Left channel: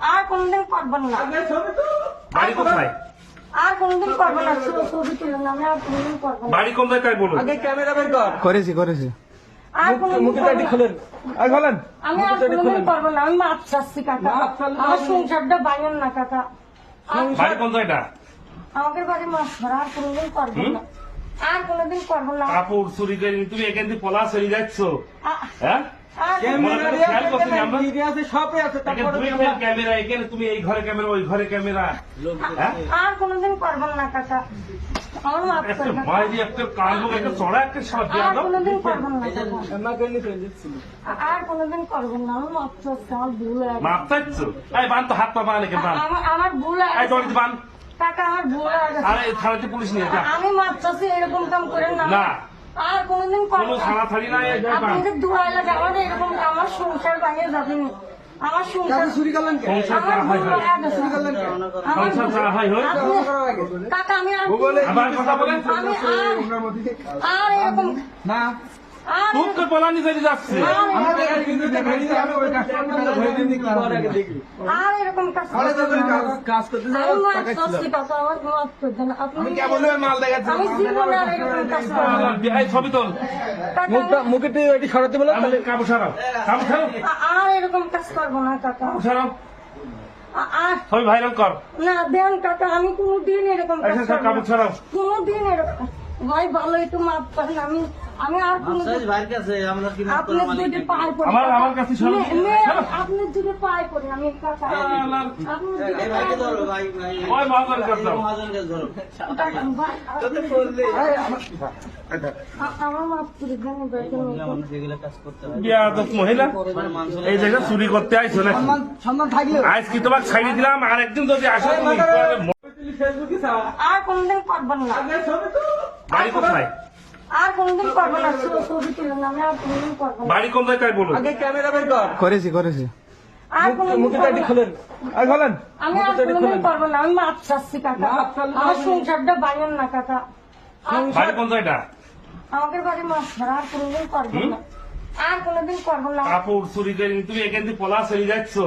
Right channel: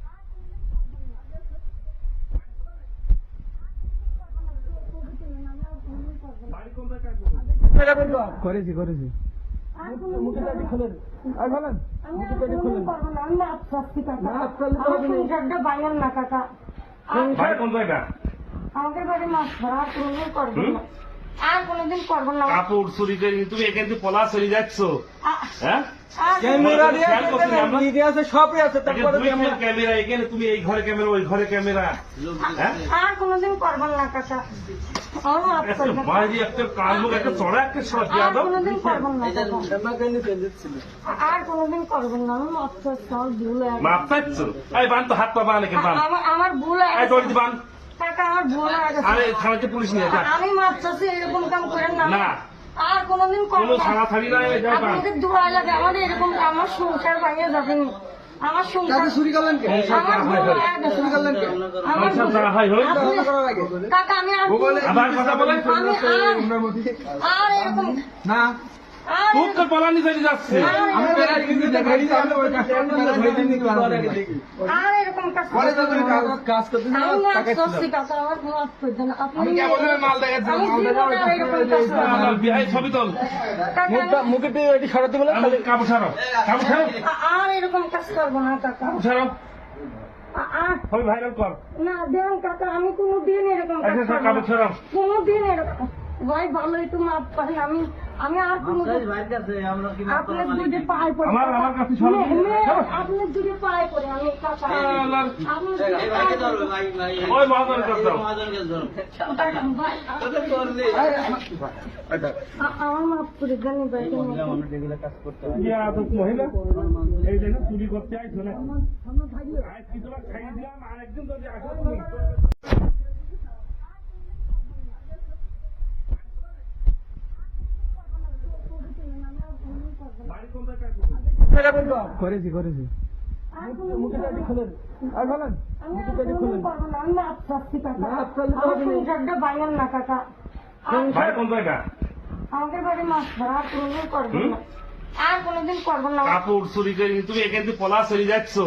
আর কোনদিন করবেন না। বাড়ি কোথায়? আর কোনদিন করবেন না। ছবি তুলেন না, আমি আর কোনদিন করবো না। বাড়ি কোন জায়গায় বলুন? আগে ক্যামেরা বের কর। করেছি আর কোনদিন মুখের করবো দাড়ি না। খোলেন। আর খোলেন। আমি আর কোনদিন করবো না। আমি মাছ চাচ্ছি কাকা। মাছ চাইলে আমার হবে না। সংসারটা বাইরেন না কাকা। বাড়ি কোন জায়গা? আমাদের বাড়ি মাছ ধরা, আর কোনদিন করবেন না। আর কোনদিন করবেন না। কাপড় চুরি করে তুমি এখান থেকে পলা চলে যাচ্ছ, হ্যাঁ? আর ক্যামেরা দিয়ে খেয়াল করছি আমরা। ভিডিও আছে, সবই আছে। তারপরে দুই আমরা ক্যামেরা এখানে, তুমি এই ঘরে ক্যামেরা ওই ঘরে ক্যামেরা, হ্যাঁ? আর কোনদিন করবেন না কাকা। আমার মাছ একটা চাই কাকা। মাঝে একটা কান মুখ একটা চড়া একটা শট দিয়ে আর দাও। কোনদিন করবেন না কাকা। আমাকে নিয়ে ফেলে দিচ্ছিল। আর কোনদিন করবেন না। আমি মাছ চাচ্ছি, আমার ভুল হয়ে গেছে। মাপ চাচ্ছ? এই বান তো হাত পা বান এখানে বান। আমার ভুল হয়ে এই গেছে। দড়ি বান। কাকা আমার ভুল হয়ে গেছে। আরে থানাতে পুলিশ নিয়ে যা। আমি মাছ চাচ্ছি, এরকম কাম করেন না। না। আর কোনদিন কোনো করবেন থানা থাড়ি নয়, এই বান। আপনাদের দোয়াই লাগে, আমাদের এরকম আমার সংসার বাইরে যাবেন। আমার সংসার আপনি চুরি করলেন কে? সংসার আমার করা হয় ভুল হয়। হয়ে গেছে। চুরি করলেন কে? আমার সংসার করা হয় হয়। আপনি- ধারণা করার আগে। কাকা আমি আর গুগলে আবার কথা বলেন। আমি ওনার মধ্যে আর এরকম না আর খুব তো পলানি চলে যাচ্ছে। আমি তো আর কিন্তু দেখাই দিই, আমি ওই কাজটা ধরে দিই নি ক্লাস দেখি। আর এরকম কাজ পরে যখন কাজ করতে যাই আমি মাছ টাকা ছিল। চাচ্ছি কাকা, আমার মাছ করছেন আপনি। আমি কেবল মাল দেখাচ্ছি, আমি মাল জীবনে আর এরকম কাজ করবো না। এই ছবি তোল। কাকা মুখে এটি সরাতে বলে আমাদের কাপড় ছাড়াও, কাপড় ছাড়াও, আর এরকম কাজ করবো না কাকা। কাপড় ছাড়াও। আর ছবি ভাইরাল কর। না দেন কাকা, আমি কোনোদিন এরকম কাজ আচ্ছা, করবো কাপড় না। ছাড়াও। কোনোদিন এরকম ভাই ভালো একটু মাপ করেন। আমি আর কোনোদিন আপনার দুটি পায়ে পড়ে আমার কাছে শোনো। আপনার দুটি পায়ে পড়ে আমি কাকা। আল্লাহর- আপনি দুটি পায়ে পড়ে। ওই মহাজন কাছে যাও। ভাই, আমার মাপ করে দেন এবার তুমি। বিয়াদব মহিলা এই জায়গায় চুরি করতে আইছো না? সম্মান থাকলেও আজ কি তোমাকে ছাড়িয়ে দিলাম, আর একদিন যদি আসো তুমি আর কোনদিন করবেন না। বাড়ি কোথায়? আর কোনদিন করবেন না। ছবি তুলেন না, আমি আর কোনদিন করবো না। বাড়ি কোন জায়গায় বলুন? আগে ক্যামেরা বের কর। করেছি আর কোনদিন মুখের করবো দাড়ি না। খোলেন। আর খোলেন। আমি আর কোনদিন করবো না। আমি মাছ চাচ্ছি কাকা। মাছ চাইলে আমার হবে না। সংসারটা বাইরেন না কাকা। বাড়ি কোন জায়গা? আমাদের বাড়ি মাছ ধরা, আর কোনদিন করবেন না। আর কোনদিন করবেন না। কাপড় চুরি করে তুমি এখান থেকে পলা চলে যাচ্ছ,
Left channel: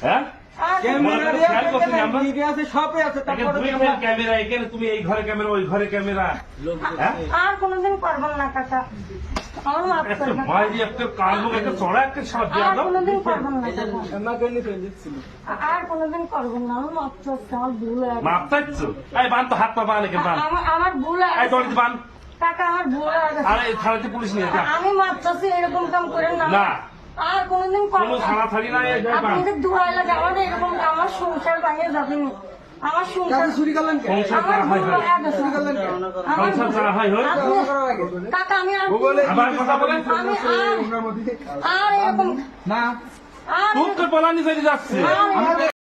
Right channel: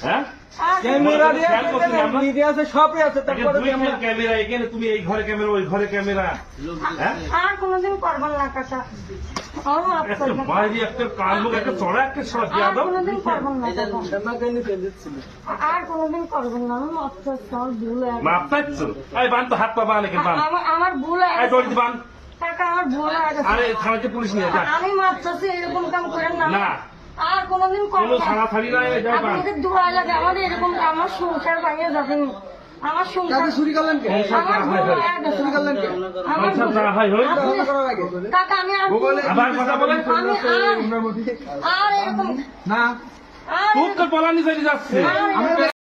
হ্যাঁ? আর ক্যামেরা দিয়ে খেয়াল করছি আমরা। ভিডিও আছে, সবই আছে। তারপরে দুই আমরা ক্যামেরা এখানে, তুমি এই ঘরে ক্যামেরা ওই ঘরে ক্যামেরা, হ্যাঁ? আর কোনদিন করবেন না কাকা। আমার মাপ একটা করবেন। মাঝে একটা কান মুখ একটা চড়া একটা শট দিয়ে আর দাও। কোনদিন করবেন না কাকা। আমাকে নিয়ে ফেলে দিচ্ছিল। আর কোনদিন করবেন না। আমি মাছ চাচ্ছি, আমার ভুল হয়ে গেছে। মাপ চাচ্ছ? এই বান তো হাত পা বান এখানে বান। আমার ভুল হয়ে এই গেছে। দড়ি বান। কাকা আমার ভুল হয়ে গেছে। আরে থানাতে পুলিশ নিয়ে যা। আমি মাছ চাচ্ছি, এরকম কাম করেন না। না। আর কোনদিন কোনো করবেন থানা থাড়ি নয়, এই বান। আপনাদের দোয়াই লাগে, আমাদের এরকম আমার সংসার বাইরে যাবেন। আমার সংসার আপনি চুরি করলেন কে? সংসার আমার করা ভুল হয় হয়। হয়ে গেছে। চুরি করলেন কে? আমার সংসার করা হয় হয়। আপনি- ধারণা করার আগে। কাকা আমি আর গুগলে আবার কথা বলেন। আমি ওনার মধ্যে আর এরকম না আর খুব তো পলানি চলে যাচ্ছে। এরকম